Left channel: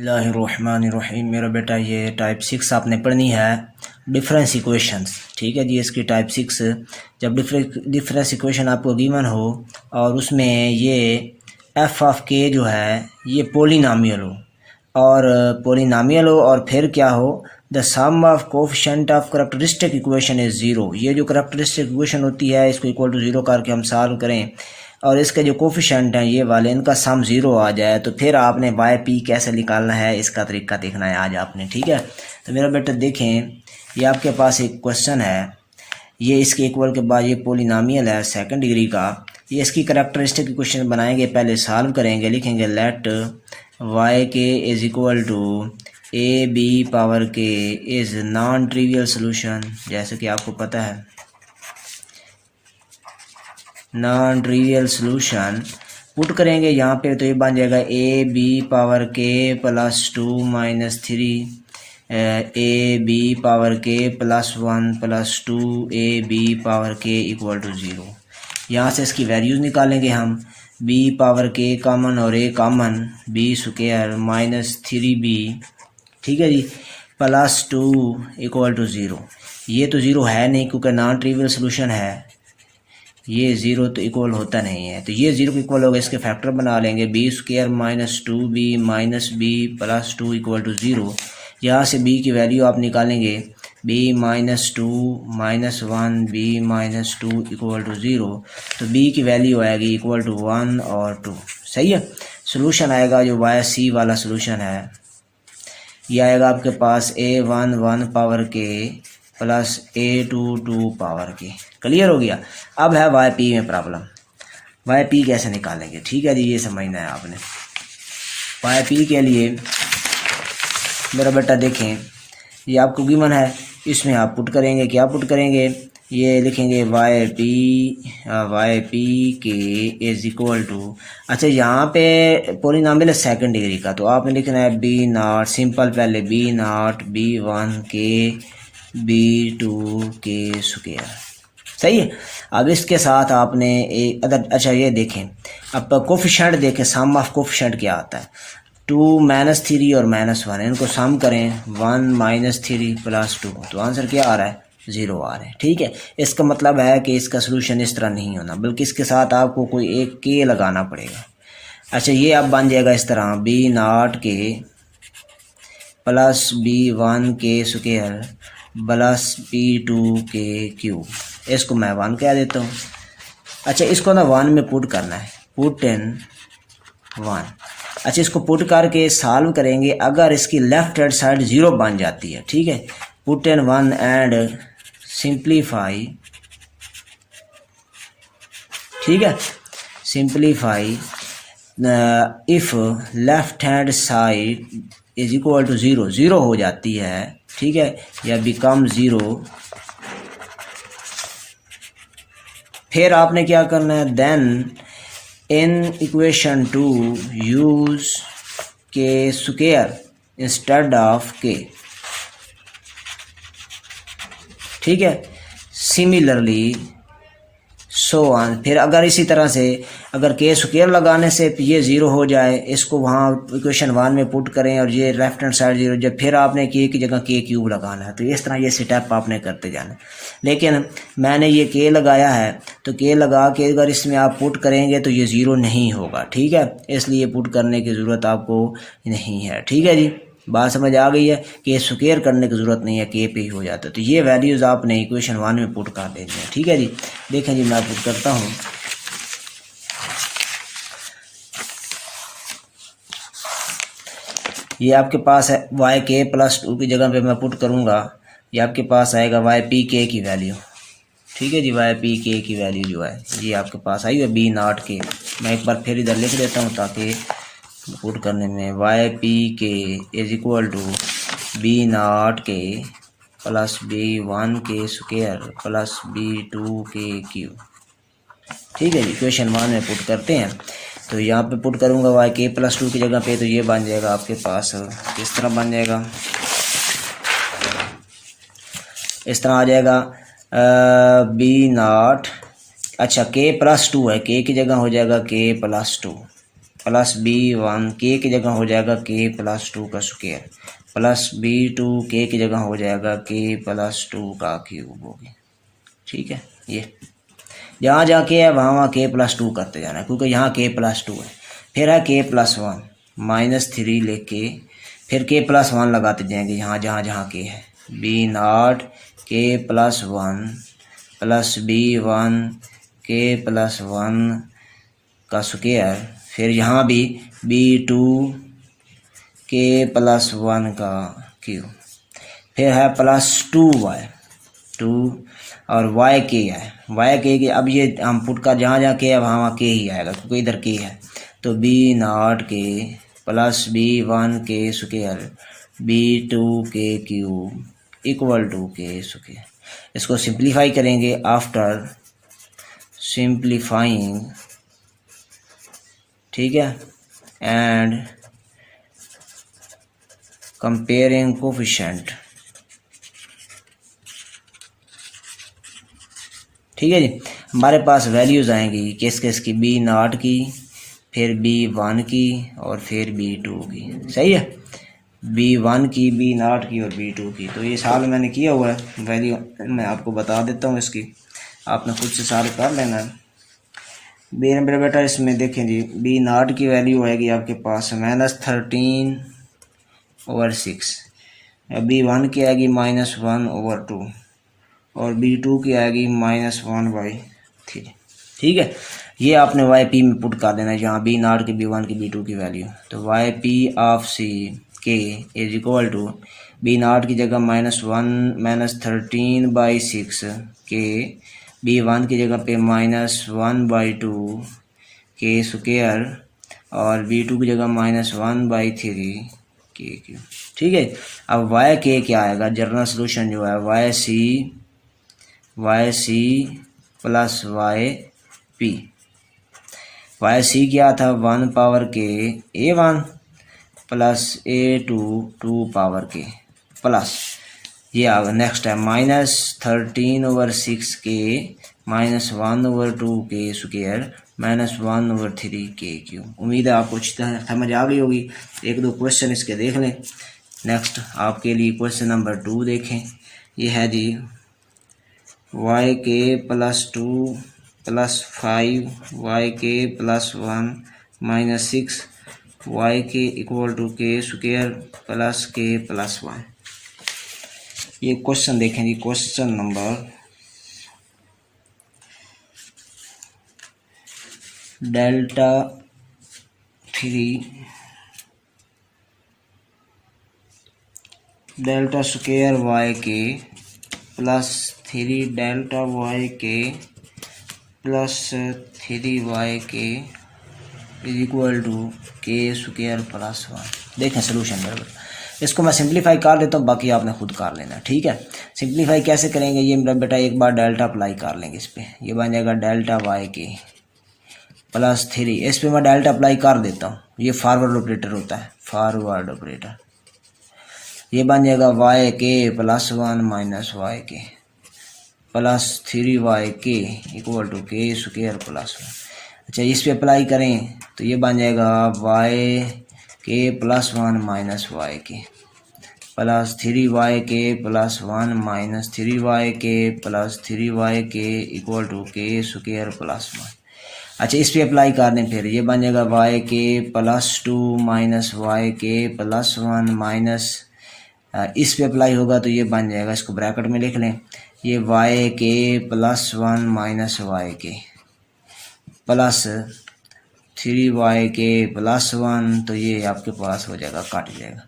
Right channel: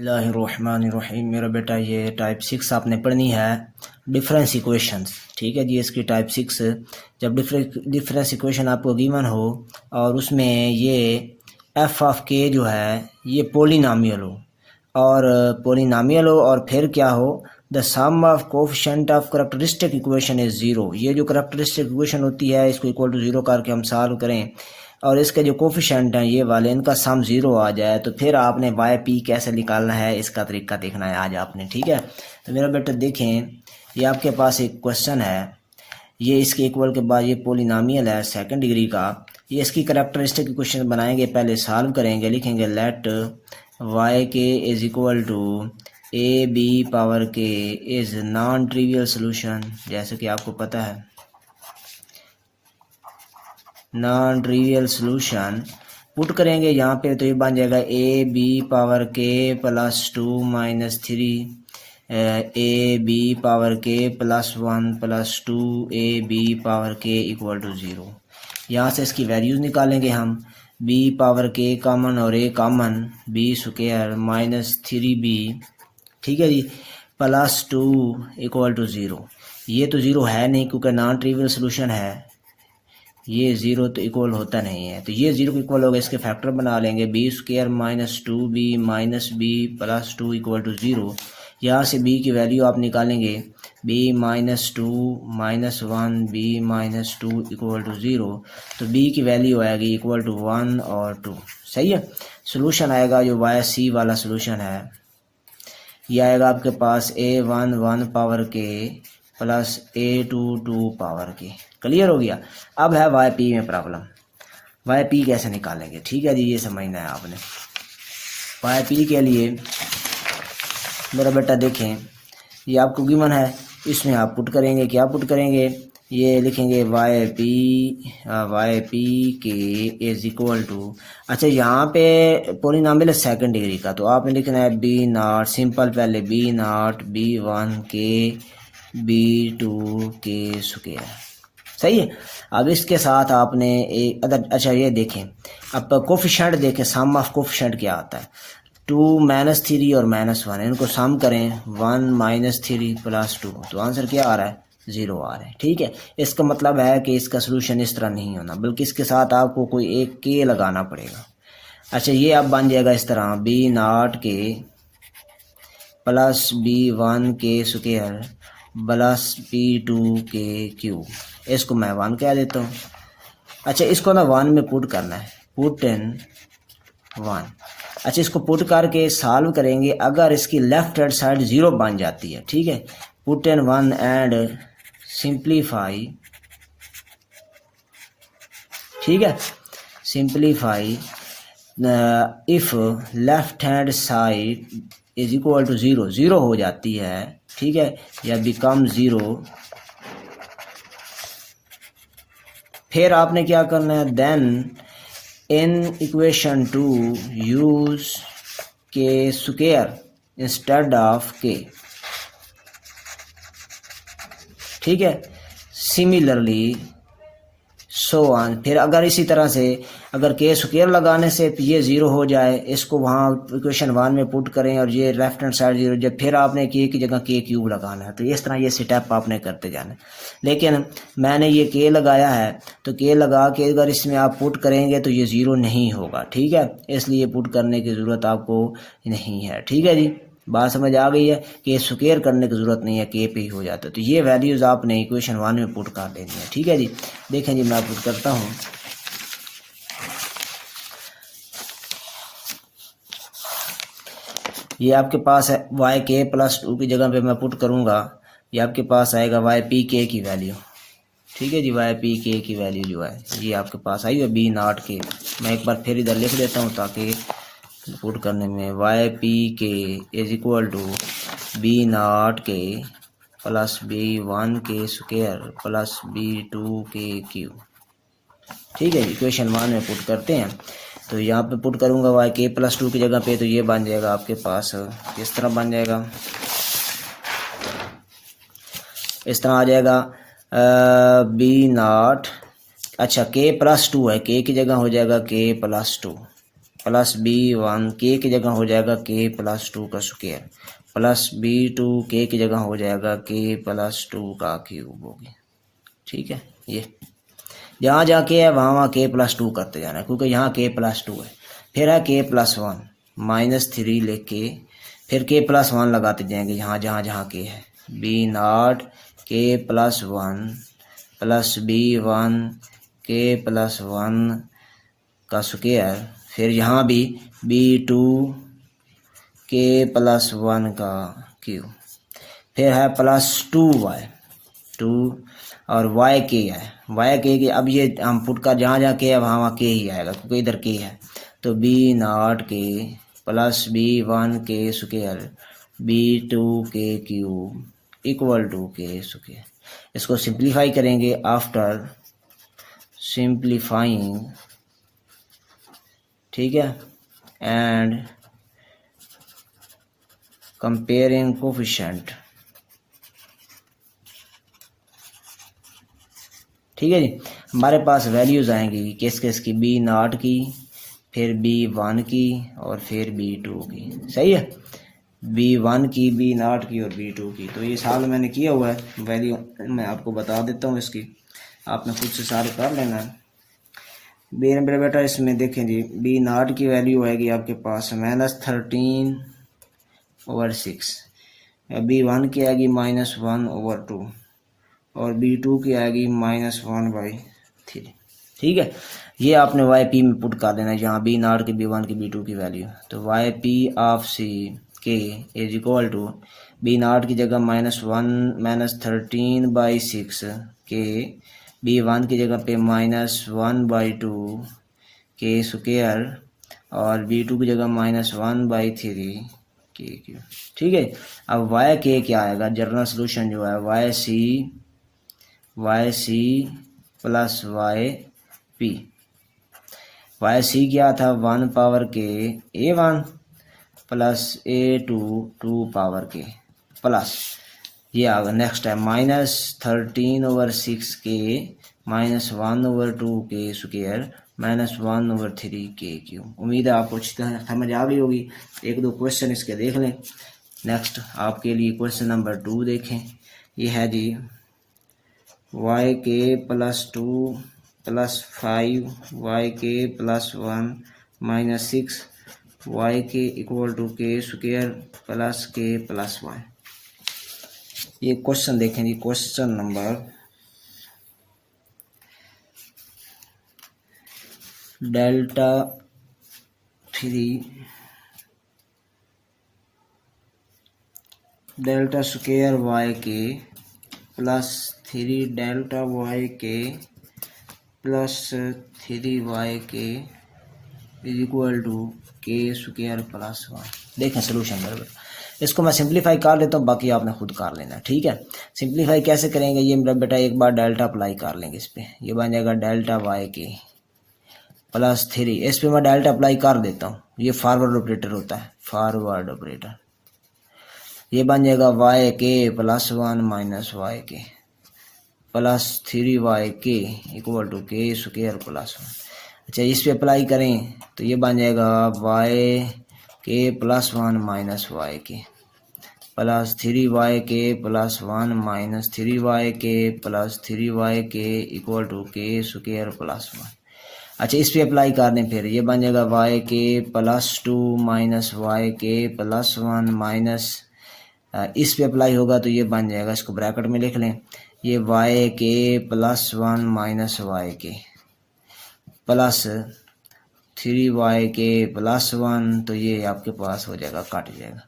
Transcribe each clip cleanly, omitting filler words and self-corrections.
बिस्मिल्लाहिर्रहमानिर्रहीम। मेरा बेटा ये टाइप 6 आपने पढ़नी है, डिफरेंस इक्वेशंस। ठीक है जी, इसकी टाइप 6 जब डिफरेंस इक्वेशन आपको गिवन हो और उसमें ये एफ ऑफ के जो है ये पोलिनोमियल हो और फिर क्या हो, the sum of coefficient of characteristic equation is zero. ये जो करैक्टरिस्टिक इक्वेशन होती है इसको इक्वल टू ज़ीरो करके हम सॉल्व करें और इसके जो कोफिशिएंट हैं ये वाले, इनका सम ज़ीरो आ जाए तो फिर आपने वाई पी कैसे निकालना है इसका तरीका देखना है आज आपने। ठीक है, तो मेरा बेटा देखें, ये आपके पास एक क्वेश्चन है, ये इसके इक्वल के बाद ये पोलिनोमियल है सेकंड डिग्री का। ये इसकी करैक्टरिस्टिक इक्वेशन बनाएंगे, पहले सॉल्व करेंगे, लिखेंगे let Y K is equal to A B power K is non trivial solution. जैसे कि आपको पता है नॉन ट्रिवियल सोल्यूशन पुट करेंगे यहाँ पे तो ये बन जाएगा A B power K plus 2 minus 3 A B power K plus 1 plus 2 A B power K equal to 0। यहाँ से इसकी वैल्यूज़ निकालेंगे हम, बी पावर के कॉमन और A common, B square minus 3b, ठीक है जी, प्लस 2 इक्वल टू 0। ये तो 0 है नहीं क्योंकि नॉन ट्रिवियल सोल्यूशन है, ये 0 तो इक्वल होता नहीं है, तो ये 0 को इक्वल होगा, इसके फैक्टर बना लेंगे, B square minus 2b minus B plus 2 equal to 0। यहाँ से b की वैल्यू आप निकालेंगे, b minus 2 minus 1 b minus 2 equal to 0, तो b की वैल्यू आएगी इक्वल टू 1 और 2। सही है, सोल्यूशन आएगा जो वाई सी वाला सोल्यूशन है, ये आएगा आपके पास a1 1 power K plus a2 2 power के। क्लियर हो गया। अब है वाई पी में प्रॉब्लम, वाई पी कैसे निकालेंगे। ठीक है जी, ये समझना है आपने। वाई पी के लिए मेरा बेटा देखें, ये आपको गिवन है, इसमें आप पुट करेंगे, क्या पुट करेंगे, ये लिखेंगे Y P K is equal to, अच्छा यहाँ पे पॉलिनॉमियल है सेकंड डिग्री का, तो आपने लिखना है बी नॉट, सिंपल पहले बी नॉट b1 के b2 के स्क्वायर। सही है। अब इसके साथ आपने एक अदर, अच्छा ये देखें, अब कोफिशिएंट देखें, सम ऑफ कोफिशिएंट क्या आता है, 2 माइनस 3 और माइनस 1, इनको सम करें, 1 माइनस 3 प्लस 2, तो आंसर क्या आ रहा है, 0 आ रहा है। ठीक है, इसका मतलब है कि इसका सोल्यूशन इस तरह नहीं होना, बल्कि इसके साथ आपको कोई एक के लगाना पड़ेगा। अच्छा, ये अब बन जाएगा इस तरह, B not K plus b1 K square plus b2 के क्यूब, इसको मैं 1 कह देता हूँ। अच्छा, इसको ना 1 में पुट करना है, पुट इन 1। अच्छा, इसको पुट करके सॉल्व करेंगे, अगर इसकी लेफ्ट हैंड साइड 0 बन जाती है, ठीक है, पुट इन 1 एंड सिंप्लीफाई, ठीक है, simplify if left hand side is equal to 0, 0 हो जाती है, ठीक है, या बिकम 0, फिर आपने क्या करना है, then in equation to use K square instead of K. ठीक है, सिमिलरली सो ऑन, फिर अगर इसी तरह से अगर के स्क्वायर लगाने से ये 0 हो जाए, इसको वहाँ इक्वेशन 1 में पुट करें और ये लेफ्ट हैंड साइड 0, जब फिर आपने के की जगह के क्यूब लगाना है, तो इस तरह ये स्टेप आपने करते जाना है। लेकिन मैंने ये के लगाया है, तो के लगा के अगर इसमें आप पुट करेंगे तो ये 0 नहीं होगा। ठीक है, इसलिए पुट करने की ज़रूरत आपको नहीं है। ठीक है जी, बात समझ आ गई है कि स्क्वायर करने की ज़रूरत नहीं है, के पे ही हो जाता है। तो ये वैल्यूज़ आपने इक्वेशन 1 में पुट कर देनी है। ठीक है जी, देखें जी, मैं पुट करता हूँ, ये आपके पास है वाई के प्लस 2 की जगह पे मैं पुट करूँगा, ये आपके पास आएगा वाई पी के की वैल्यू। ठीक है जी, वाई पी के की वैल्यू जो है ये आपके पास आई है बी नॉट के। मैं एक बार फिर इधर लिख देता हूँ ताकि पुट करने में, Y P K is equal to B not K plus b1 K square plus b2 के क्यूब। ठीक है, इक्वेशन 1 में पुट करते हैं, तो यहाँ पे पुट करूँगा वाई के प्लस 2 की जगह पे, तो ये बन जाएगा आपके पास, किस तरह बन जाएगा, इस तरह आ जाएगा, बी नॉट, अच्छा के प्लस 2 है, के की जगह हो जाएगा के प्लस 2, प्लस B1 के की जगह हो जाएगा k प्लस 2 का स्क्वायर प्लस B2 के की जगह हो जाएगा k प्लस 2 का क्यूब होगी। ठीक है, ये जहाँ जहाँ के है वहाँ वहाँ k प्लस 2 करते जाना है क्योंकि यहाँ k प्लस 2 है। फिर है k प्लस 1 -3 लेके फिर k प्लस 1 लगाते जाएंगे यहाँ जहाँ जहाँ k है। B0 k plus 1 plus B1 k plus 1 का स्क्वायर फिर यहाँ भी B2 k प्लस 1 का क्यूब फिर है प्लस 2y 2 और y k है y k की अब ये हम पुट का जहाँ जहाँ k है वहाँ वहाँ k ही आएगा क्योंकि इधर k है तो B0 k plus B1 k square B2 k cube equal to k square. इसको सिंप्लीफाई करेंगे आफ्टर सिंप्लीफाइंग, ठीक है, एंड कंपेयरिंग कोफिशिएंट। ठीक है जी, हमारे पास वैल्यूज़ आएंगी किस किस की, B0 की फिर B1 की और फिर B2 की। सही है, B1 की B0 की और B2 की। तो ये साल मैंने किया हुआ है, वैल्यू मैं आपको बता देता हूँ इसकी, आपने खुद से सारे कर लेना है। मेरा बेटा इसमें देखें जी, B0 की वैल्यू आएगी आपके पास -13/6, B1 की आएगी -1/2 और B2 की आएगी -1/3। ठीक है, ये आपने YP में पुट कर देना है जहाँ B0 की B1 की B2 की वैल्यू। तो YP of C K is equal to B0 की जगह -13/6 के B1 की जगह पे -1/2 के स्क्वायर और B2 की जगह -1/3 के क्यूब। ठीक है, अब YK क्या आएगा, जनरल सोल्यूशन जो है YC प्लस YP। YC क्या था, 1 पावर के A1 plus A2 2 power K plus ये आ गया। नेक्स्ट है -13/6 के -1/2 के स्क्वायर -1/3 के क्यूब। उम्मीद है आपको अच्छी तरह समझ आ गई होगी। एक दो क्वेश्चन इसके देख लें। नेक्स्ट आपके लिए क्वेश्चन नंबर 2 देखें। ये है जी YK plus 2 plus 5 YK plus 1 -6 YK equal to K square plus K plus 1। ये क्वेश्चन देखें जी, question number delta 3 delta square YK plus 3 delta YK plus 3YK is equal to K square plus 1। देखें solution में इसको मैं simplify कर देता हूँ, बाकी आपने खुद कर लेना। ठीक है, सिंप्लीफाई कैसे करेंगे, ये मेरा बेटा एक बार डेल्टा अप्लाई कर लेंगे इस पर। ये बन जाएगा डेल्टा YK प्लस 3, इस पर मैं डेल्टा अप्लाई कर देता हूँ। ये फॉरवर्ड ऑपरेटर होता है, फॉरवर्ड ऑपरेटर। ये बन जाएगा YK plus 1 minus YK plus 3YK equal to K square plus 1। अच्छा, इस पे अप्लाई करें तो ये बन जाएगा YK plus 1 minus YK plus 3YK plus 1 minus 3YK plus 3YK equal to K square plus 1। अच्छा, इस पे अप्लाई कर दें फिर ये बन जाएगा YK plus 2 minus YK plus 1 minus, इस पे अप्लाई होगा तो ये बन जाएगा, इसको ब्रैकेट में लिख लें, ये YK plus 1 minus YK plus 3YK plus 1, तो ये आपके पास हो जाएगा, काट जाएगा,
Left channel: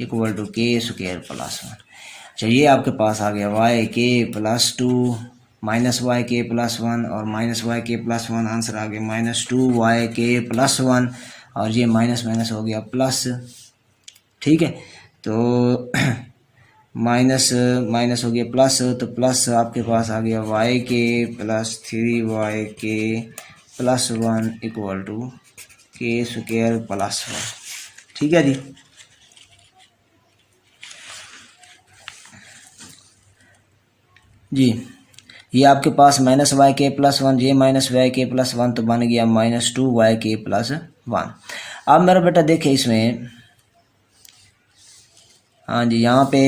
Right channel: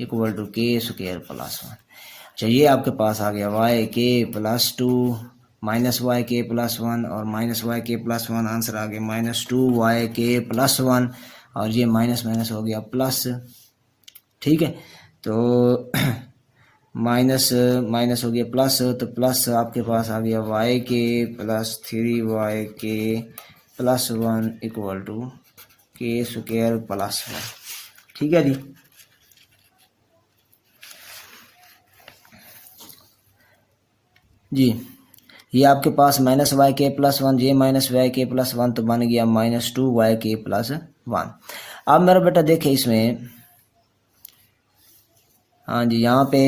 equal to K square plus 1। अच्छा, ये आपके पास आ गया YK plus 2 minus YK plus 1 और माइनस YK प्लस 1, आंसर आ गया -2YK प्लस 1 और ये माइनस माइनस हो गया प्लस। ठीक है, तो माइनस माइनस हो गया प्लस, तो प्लस आपके पास आ गया YK plus 3YK plus 1 equal to K square plus 1। ठीक है जी, ये आपके पास -YK प्लस 1, ये -YK प्लस 1 तो बन गया -2YK प्लस 1। अब मेरा बेटा देखें इसमें, हाँ जी, यहाँ पे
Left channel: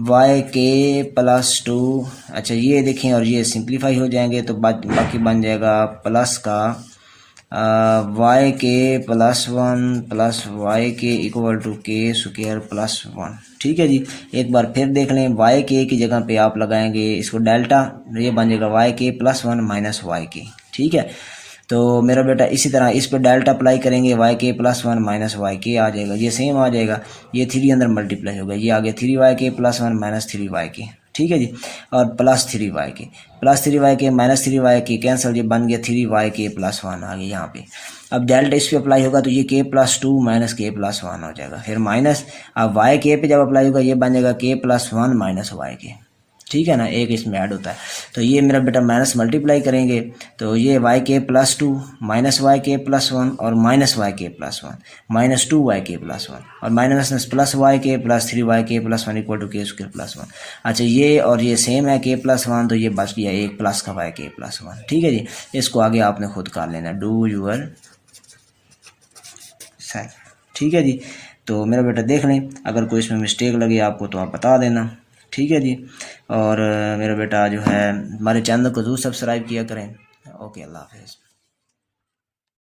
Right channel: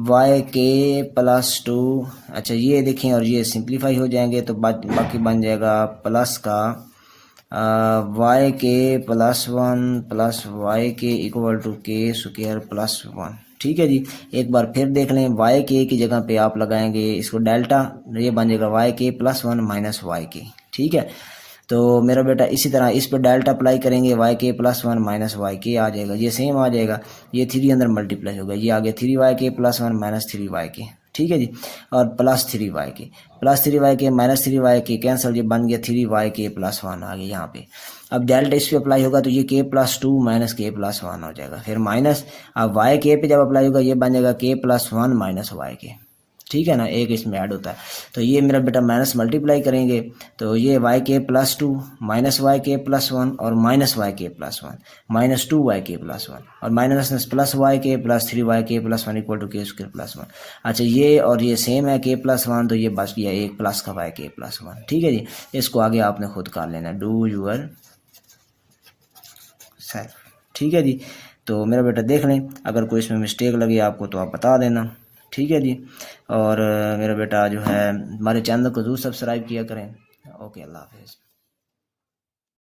वाई के प्लस 2, अच्छा ये देखें, और ये सिंप्लीफाई हो जाएंगे तो बाकी बन जाएगा प्लस का वाई के प्लस 1 प्लस वाई के इक्वल टू के स्क्वायर प्लस 1। ठीक है जी, एक बार फिर देख लें, वाई के की जगह पे आप लगाएंगे इसको डेल्टा, ये बन जाएगा वाई के प्लस 1 माइनस वाई के। ठीक है, तो मेरा बेटा इसी तरह इस पर डेल्टा अप्लाई करेंगे, वाई के प्लस 1 माइनस वाई के आ जाएगा, ये सेम आ जाएगा, ये 3 अंदर मल्टीप्लाई होगा, ये आ गया 3 वाई के प्लस 1 माइनस 3 वाई के। ठीक है जी, और प्लस 3 वाई के, प्लस 3 वाई के माइनस 3 वाई के कैंसिल, ये बन गया 3 वाई के प्लस 1 आ गया यहाँ पे। अब डेल्टा इस पे अप्लाई होगा तो ये के प्लस 2 माइनस के प्लस 1 हो जाएगा, फिर माइनस, अब वाई के पे जब अप्लाई होगा ये बन जाएगा के प्लस 1 माइनस वाई के। ठीक है ना, एक इसमें ऐड होता है, तो ये मेरा बेटा माइनस मल्टीप्लाई करेंगे तो ये वाई के प्लस 2 माइनस वाई के प्लस 1 और माइनस वाई के प्लस 1 माइनस 2 वाई के प्लस 1 और माइनस प्लस वाई के प्लस 3 वाई के प्लस 1 इक्वल टू के स्क्वायर प्लस 1। अच्छा ये और ये सेम है के प्लस 1, तो ये बच गया एक प्लस का वाई के प्लस 1। ठीक है जी, इसको आगे आपने खुद कर लेना, डू यूर सेल्फ। ठीक है जी, तो मेरा बेटा देख लें, अगर कोई इसमें मिस्टेक लगी आपको तो आप बता देना। ठीक है जी, और मेरा बेटा जो है हमारे चैनल को ज़रूर सब्सक्राइब किया करें। ओके, अल्लाह हाफ़िज़।